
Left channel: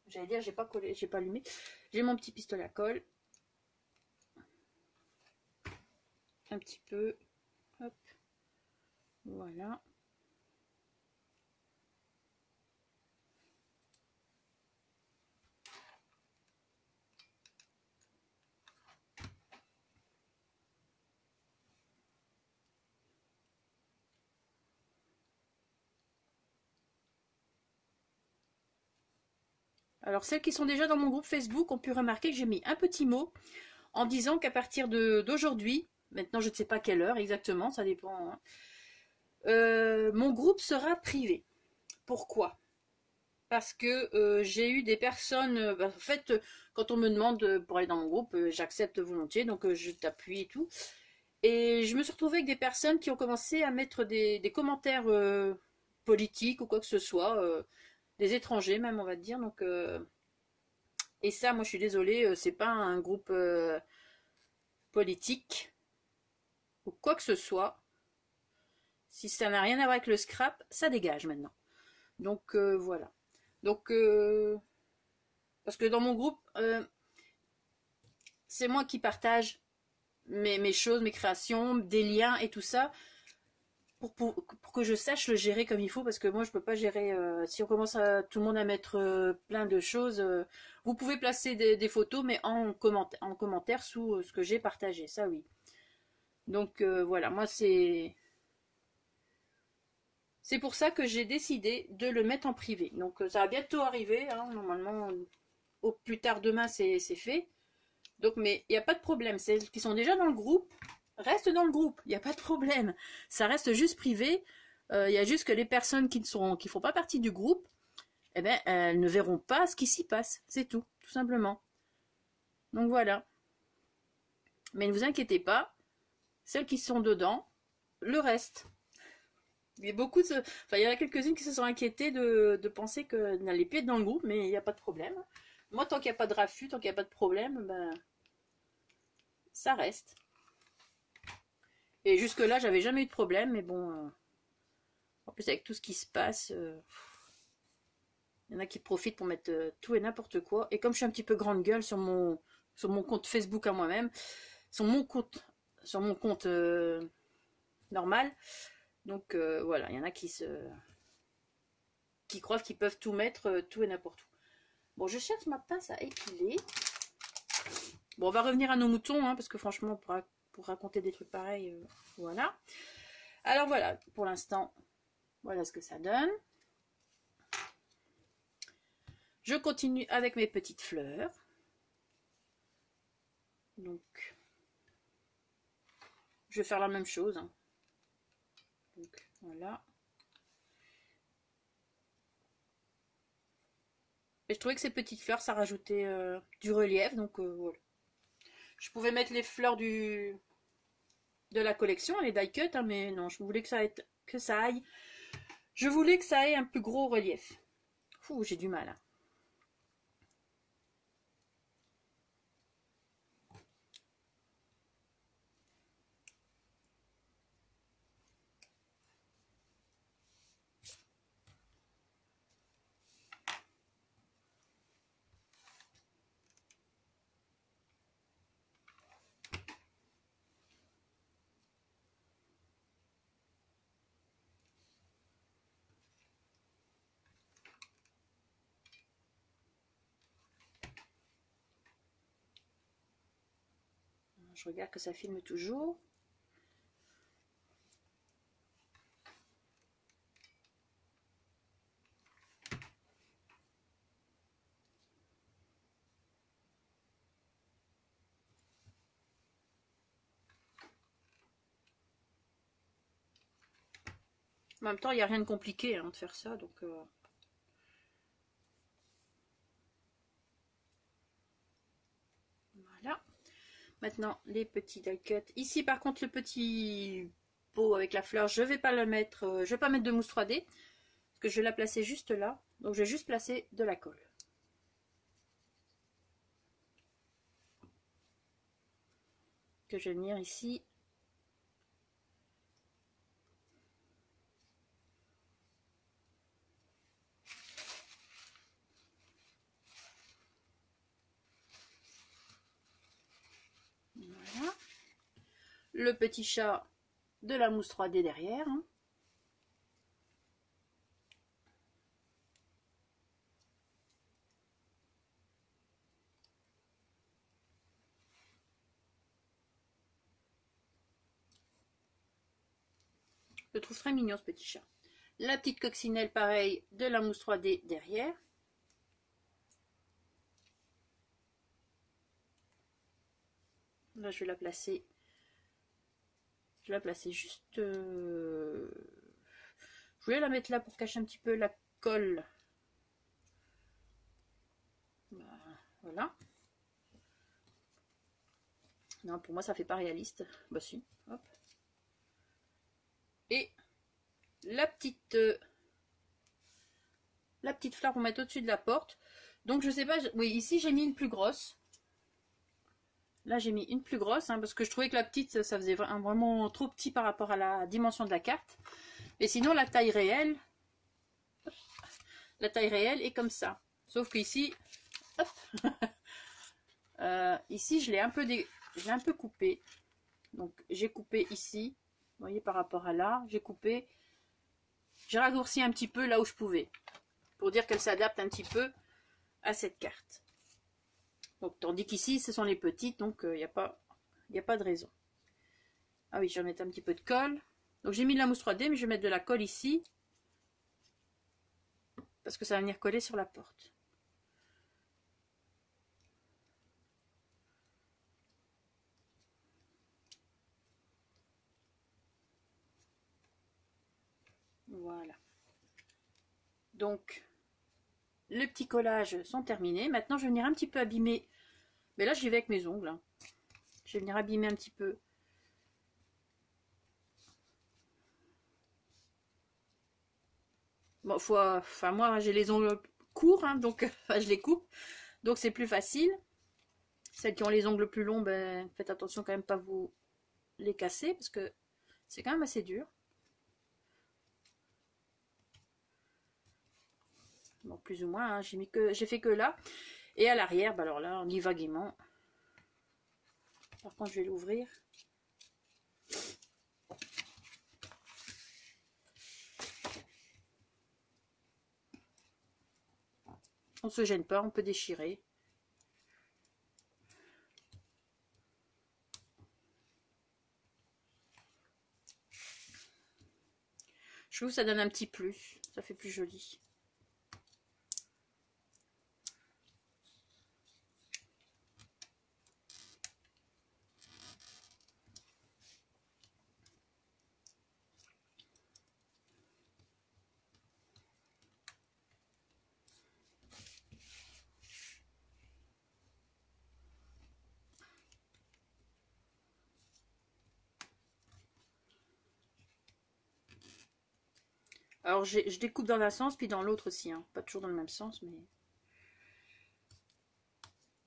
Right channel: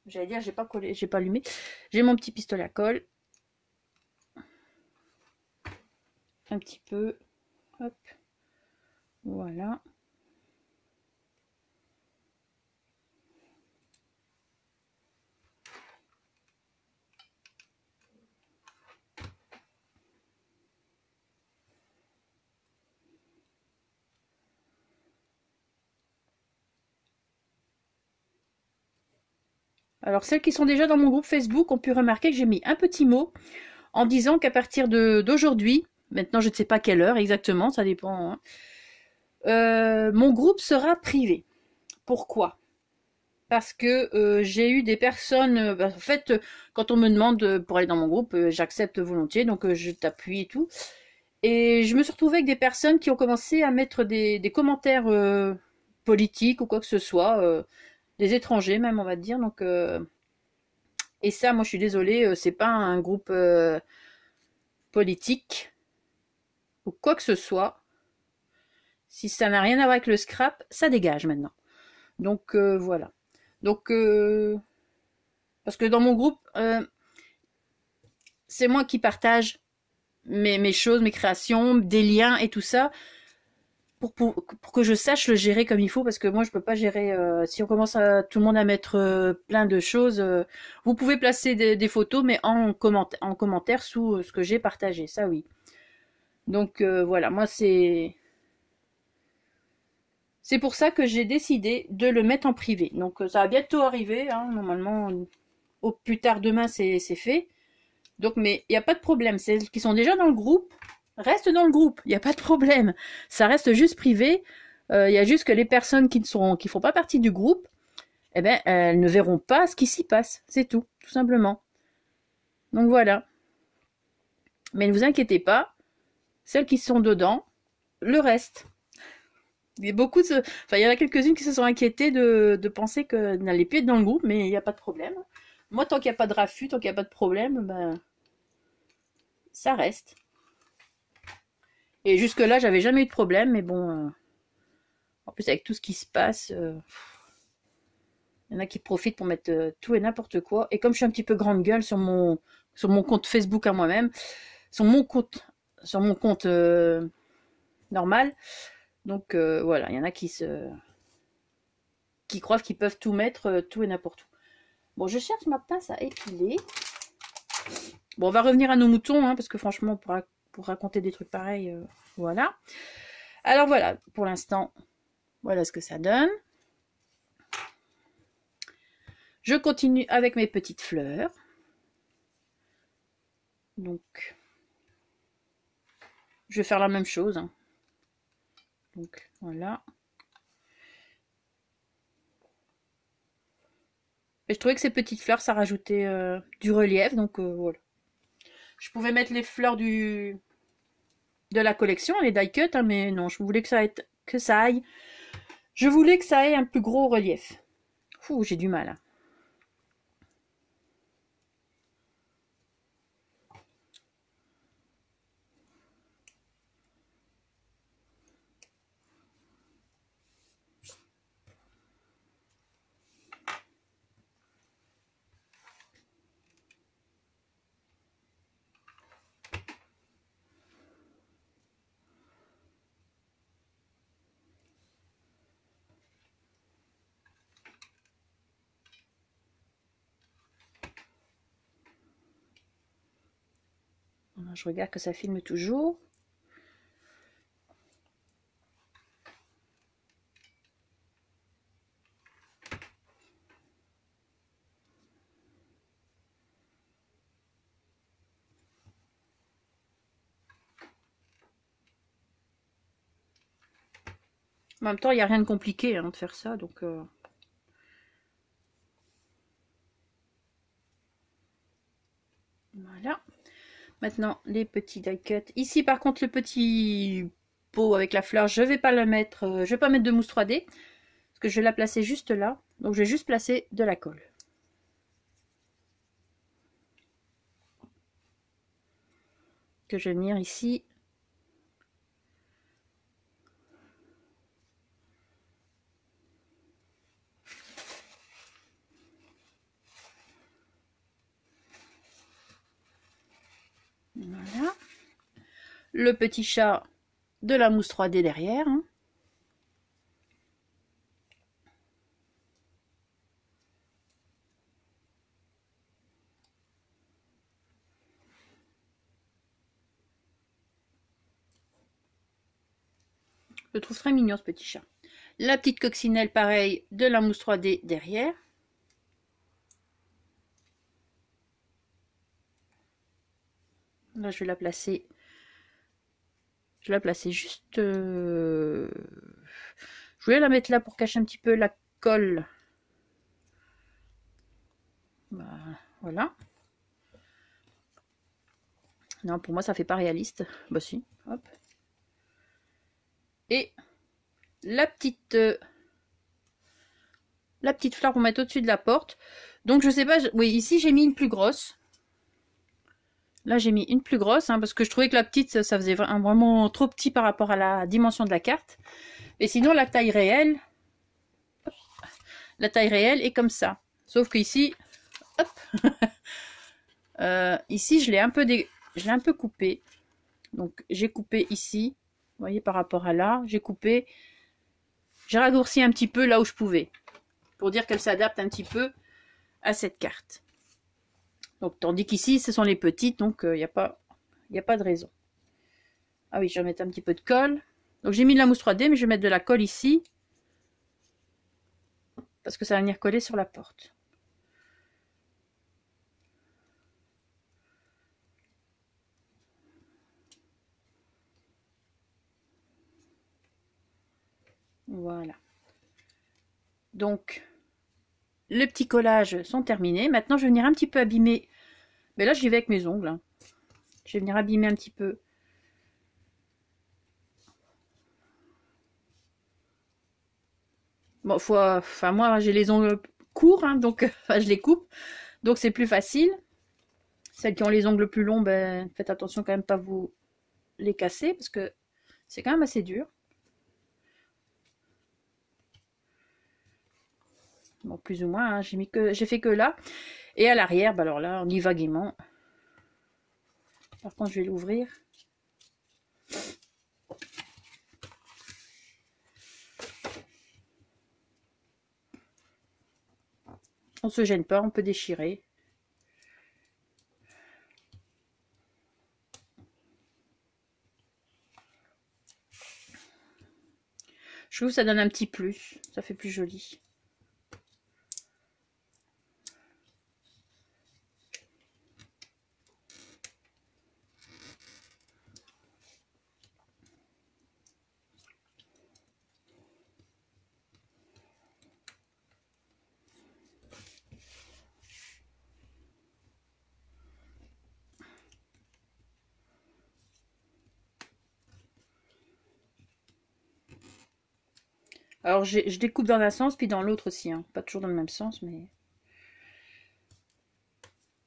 J'allais dire, j'ai pas collé, j'ai pas allumé. J'ai mon petit pistolet à colle. Un petit peu. Hop. Voilà. Alors, celles qui sont déjà dans mon groupe Facebook ont pu remarquer que j'ai mis un petit mot en disant qu'à partir d'aujourd'hui, maintenant je ne sais pas quelle heure exactement, ça dépend, hein, mon groupe sera privé. Pourquoi? Parce que j'ai eu des personnes, en fait, quand on me demande pour aller dans mon groupe, j'accepte volontiers, donc je t'appuie et tout. Et je me suis retrouvée avec des personnes qui ont commencé à mettre des commentaires politiques ou quoi que ce soit, des étrangers même, on va dire. Donc, et ça, moi, je suis désolée, c'est pas un groupe politique ou quoi que ce soit. Si ça n'a rien à voir avec le scrap, ça dégage maintenant. Donc voilà. Donc parce que dans mon groupe, c'est moi qui partage mes choses, mes créations, des liens et tout ça. Pour que je sache le gérer comme il faut, parce que moi je peux pas gérer, si on commence à tout le monde à mettre plein de choses, vous pouvez placer des photos mais en commentaire sous ce que j'ai partagé, ça oui. Donc voilà, moi c'est pour ça que j'ai décidé de le mettre en privé. Donc ça va bientôt arriver, hein, normalement au plus tard demain c'est fait. Donc mais il n'y a pas de problème, celles qui sont déjà dans le groupe restent dans le groupe, il n'y a pas de problème. Ça reste juste privé. Il y a juste que les personnes qui ne font pas partie du groupe, eh ben, elles ne verront pas ce qui s'y passe. C'est tout simplement. Donc voilà. Mais ne vous inquiétez pas, celles qui sont dedans, le reste. Il y a il y en a quelques-unes qui se sont inquiétées de penser qu'elles n'allaient plus être dans le groupe, mais il n'y a pas de problème. Moi, tant qu'il n'y a pas de raffut, tant qu'il n'y a pas de problème, ben, ça reste. Et jusque-là, j'avais jamais eu de problème, mais bon, en plus avec tout ce qui se passe, il y en a qui profitent pour mettre tout et n'importe quoi. Et comme je suis un petit peu grande gueule sur mon compte Facebook à moi-même, sur mon compte normal, donc voilà, il y en a qui croient qu'ils peuvent tout mettre, tout et n'importe où. Bon, je cherche ma pince à épiler. Bon, on va revenir à nos moutons, hein, parce que franchement, pour raconter des trucs pareils, voilà. Alors voilà, pour l'instant, voilà ce que ça donne. Je continue avec mes petites fleurs. Donc, je vais faire la même chose, hein. Donc, voilà. Et je trouvais que ces petites fleurs, ça rajoutait du relief, donc voilà. Je pouvais mettre les fleurs de la collection, les die cut, hein, mais non, je voulais que ça aille. Je voulais que ça ait un plus gros relief. Fou, j'ai du mal, hein. Je regarde que ça filme toujours. En même temps, il n'y a rien de compliqué, hein, de faire ça, donc... Voilà. Maintenant, les petits die cut. Ici, par contre, le petit pot avec la fleur, je vais pas le mettre... je vais pas mettre de mousse 3D, parce que je vais la placer juste là. Donc, je vais juste placer de la colle. Que je vais venir ici. Voilà. Le petit chat de la mousse 3D derrière, hein. Je le trouve très mignon, ce petit chat. La petite coccinelle, pareil, de la mousse 3D derrière. Là, je vais la placer. Je vais la placer juste... Je voulais la mettre là pour cacher un petit peu la colle. Bah, voilà. Non, pour moi, ça fait pas réaliste. Bah si, hop. Et la petite fleur pour mettre au-dessus de la porte. Donc, je sais pas... Oui, ici, j'ai mis une plus grosse. Là, j'ai mis une plus grosse, hein, parce que je trouvais que la petite, ça faisait vraiment trop petit par rapport à la dimension de la carte. Et sinon, la taille réelle est comme ça. Sauf qu'ici, hop, ici, je l'ai un peu coupé. Donc, j'ai coupé ici, vous voyez, par rapport à là, j'ai coupé, j'ai raccourci un petit peu là où je pouvais, pour dire qu'elle s'adapte un petit peu à cette carte. Donc, tandis qu'ici, ce sont les petites, donc il n'y a pas de raison. Ah oui, je vais mettre un petit peu de colle. Donc, j'ai mis de la mousse 3D, mais je vais mettre de la colle ici, parce que ça va venir coller sur la porte. Voilà. Donc, les petits collages sont terminés. Maintenant, je vais venir un petit peu abîmer. Mais là, j'y vais avec mes ongles, hein. Je vais venir abîmer un petit peu. Bon, enfin, moi, j'ai les ongles courts, hein, donc je les coupe. Donc, c'est plus facile. Celles qui ont les ongles plus longs, ben, faites attention quand même pas vous les casser, parce que c'est quand même assez dur. Bon, plus ou moins, hein, j'ai fait que là. Et à l'arrière, ben alors là, on y va gaiement. Par contre, je vais l'ouvrir. On se gêne pas, on peut déchirer. Je trouve que ça donne un petit plus. Ça fait plus joli. Alors, je découpe dans un sens, puis dans l'autre aussi. Hein. Pas toujours dans le même sens, mais...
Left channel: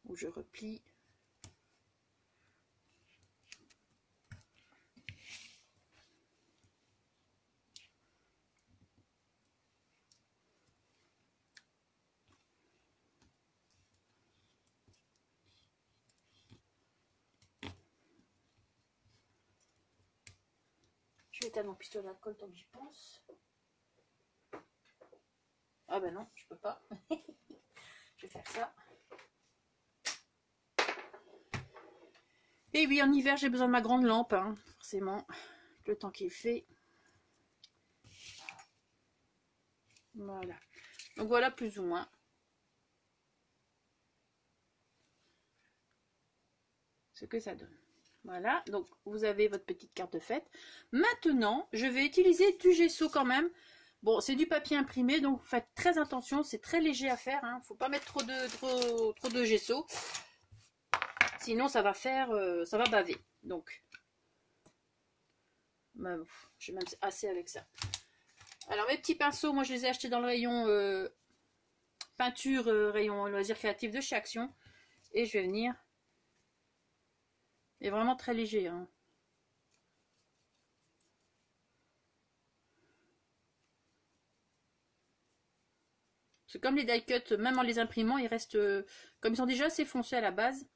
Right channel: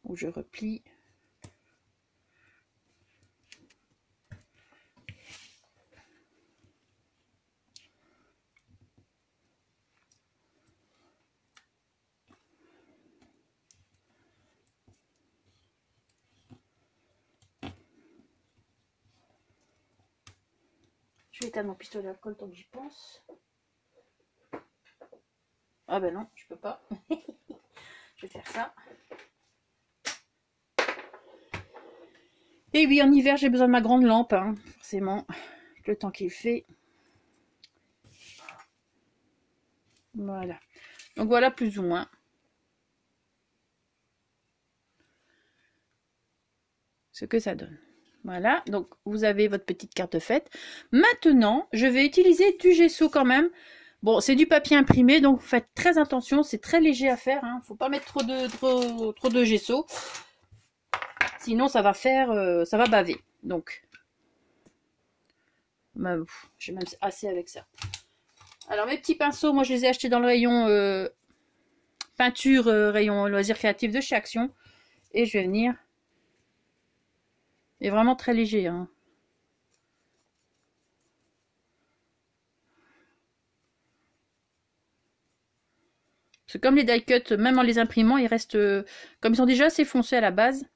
Où je replie. Je vais éteindre mon pistolet à alcool tant que j'y pense. Ah ben non, je peux pas. Je vais faire ça. Et oui, en hiver, j'ai besoin de ma grande lampe, hein, forcément, le temps qu'il fait. Voilà. Donc voilà plus ou moins. Ce que ça donne. Voilà, donc vous avez votre petite carte de fête. Maintenant, je vais utiliser du gesso quand même. Bon, c'est du papier imprimé, donc faites très attention, c'est très léger à faire. Hein. Faut pas mettre trop de gesso. Sinon, ça va faire, ça va baver. Donc, j'ai même assez avec ça. Alors, mes petits pinceaux, moi, je les ai achetés dans le rayon peinture, rayon loisirs créatifs de chez Action. Et je vais venir. Et vraiment très léger. Hein. Parce que comme les die cuts, même en les imprimant, ils restent, comme ils sont déjà assez foncés à la base,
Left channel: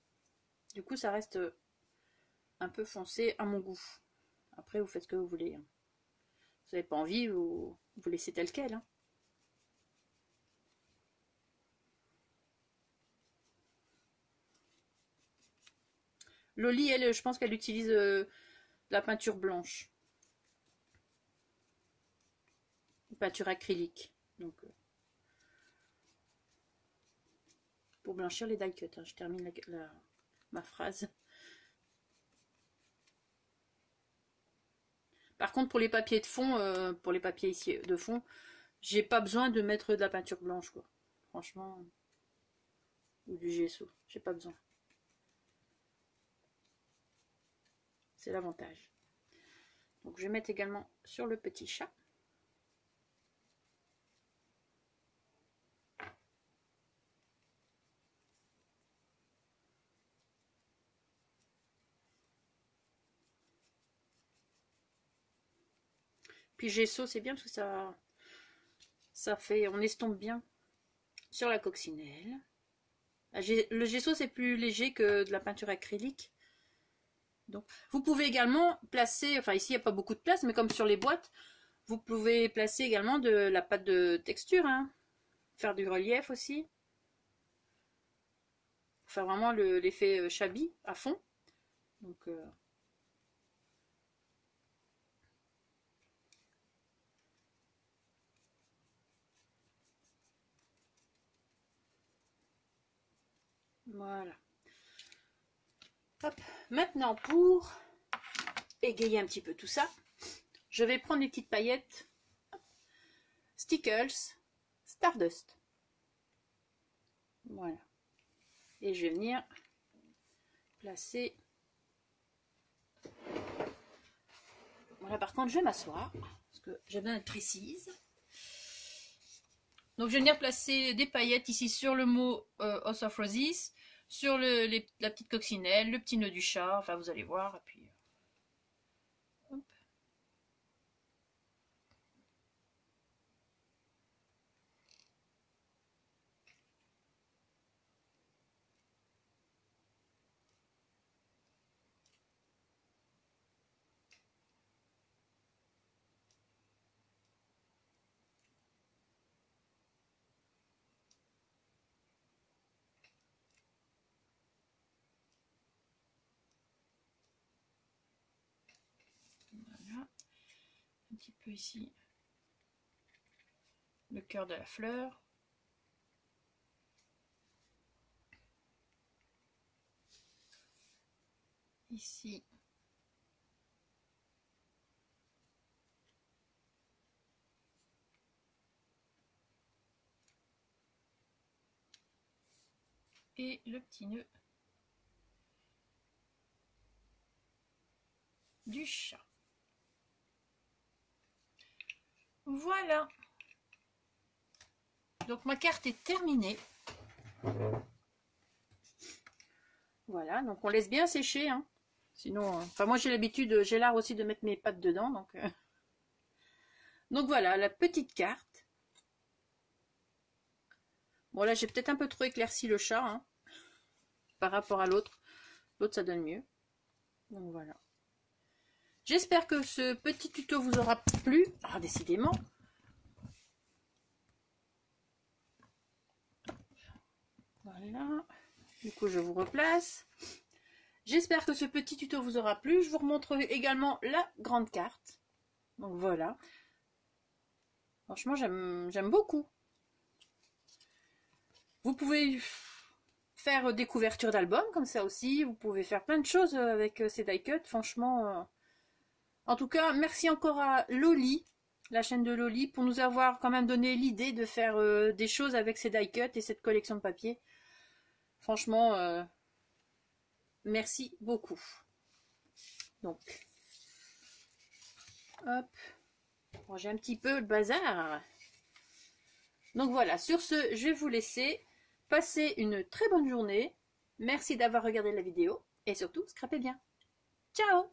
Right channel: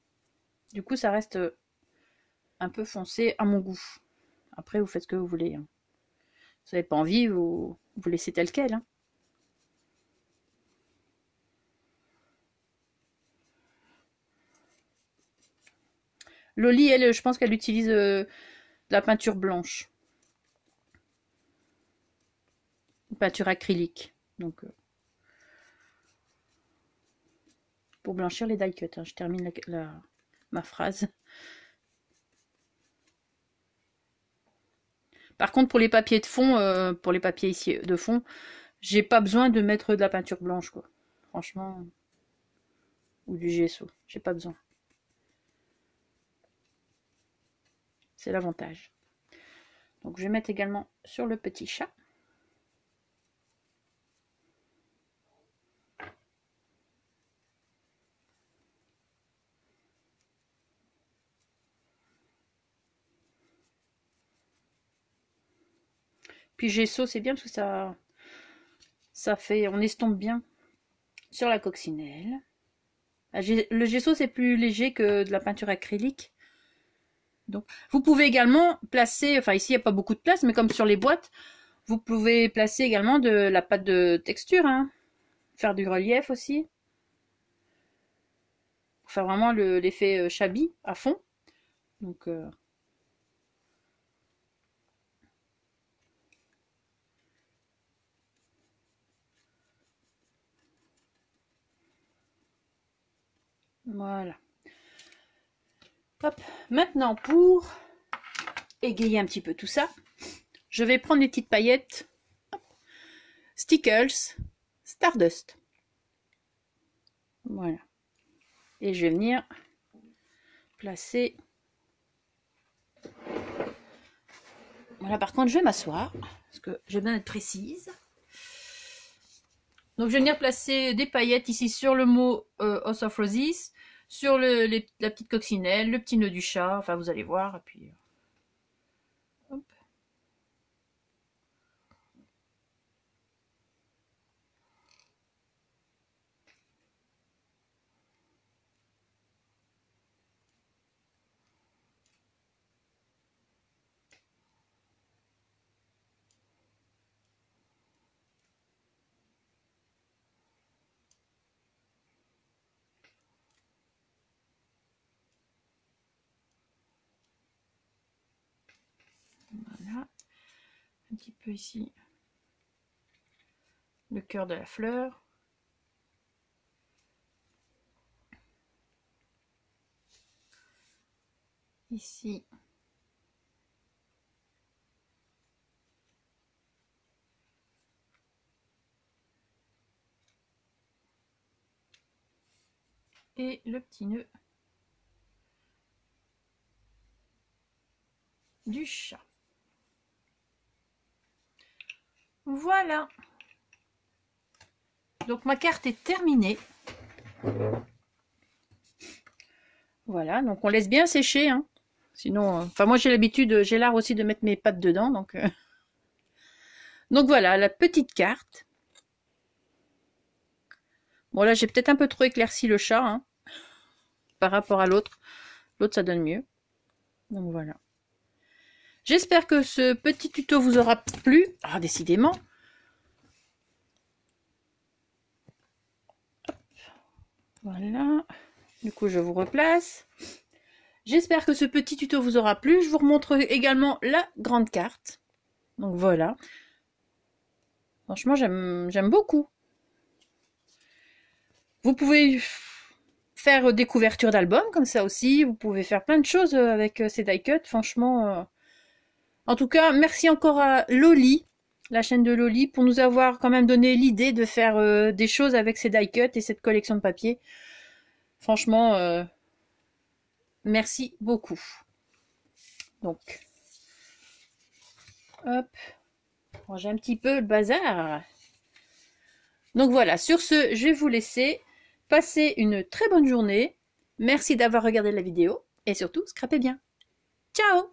du coup ça reste un peu foncé à mon goût. Après vous faites ce que vous voulez. Hein. Si vous n'avez pas envie, vous laissez tel quel. Hein. Loli, elle, je pense qu'elle utilise de la peinture blanche. Une peinture acrylique. Donc, pour blanchir les die cuts. Hein. Je termine ma phrase. Par contre, pour les papiers de fond, pour les papiers ici de fond, j'ai pas besoin de mettre de la peinture blanche, quoi. Franchement. Ou du gesso. J'ai pas besoin. C'est l'avantage. Donc je vais mettre également sur le petit chat. Puis gesso, c'est bien parce que ça fait, on estompe bien sur la coccinelle. Le gesso, c'est plus léger que de la peinture acrylique. Donc, vous pouvez également placer, enfin ici il n'y a pas beaucoup de place, mais comme sur les boîtes, vous pouvez placer également de la pâte de texture, hein. Faire du relief aussi. Pour faire vraiment l'effet shabby à fond. Donc, voilà. Hop. Maintenant, pour égayer un petit peu tout ça, je vais prendre les petites paillettes Stickles Stardust. Voilà. Et je vais venir placer. Voilà, par contre, je vais m'asseoir parce que j'ai besoin d'être précise. Donc, je vais venir placer des paillettes ici sur le mot House of Roses, sur la petite coccinelle, le petit nœud du chat. Enfin, vous allez voir. Et puis, hop. Voilà. Un petit peu ici le cœur de la fleur. Ici. Et le petit nœud du chat. Voilà. Donc ma carte est terminée. Voilà, donc on laisse bien sécher, hein. Sinon, enfin moi j'ai l'habitude, j'ai l'art aussi de mettre mes pattes dedans, donc voilà la petite carte. Bon là j'ai peut-être un peu trop éclairci le chat, hein, par rapport à l'autre. L'autre ça donne mieux. Donc voilà. J'espère que ce petit tuto vous aura plu. Ah, décidément. Voilà. Du coup je vous replace. J'espère que ce petit tuto vous aura plu. Je vous remontre également la grande carte. Donc voilà. Franchement, j'aime beaucoup. Vous pouvez faire des couvertures d'albums comme ça aussi. Vous pouvez faire plein de choses avec ces die cuts. Franchement. En tout cas, merci encore à Loli, la chaîne de Loli, pour nous avoir quand même donné l'idée de faire des choses avec ces die cuts et cette collection de papier. Franchement, merci beaucoup. Donc, hop, ranger un petit peu le bazar. Donc voilà, sur ce, je vais vous laisser. Passez une très bonne journée. Merci d'avoir regardé la vidéo et surtout, scrapez bien. Ciao!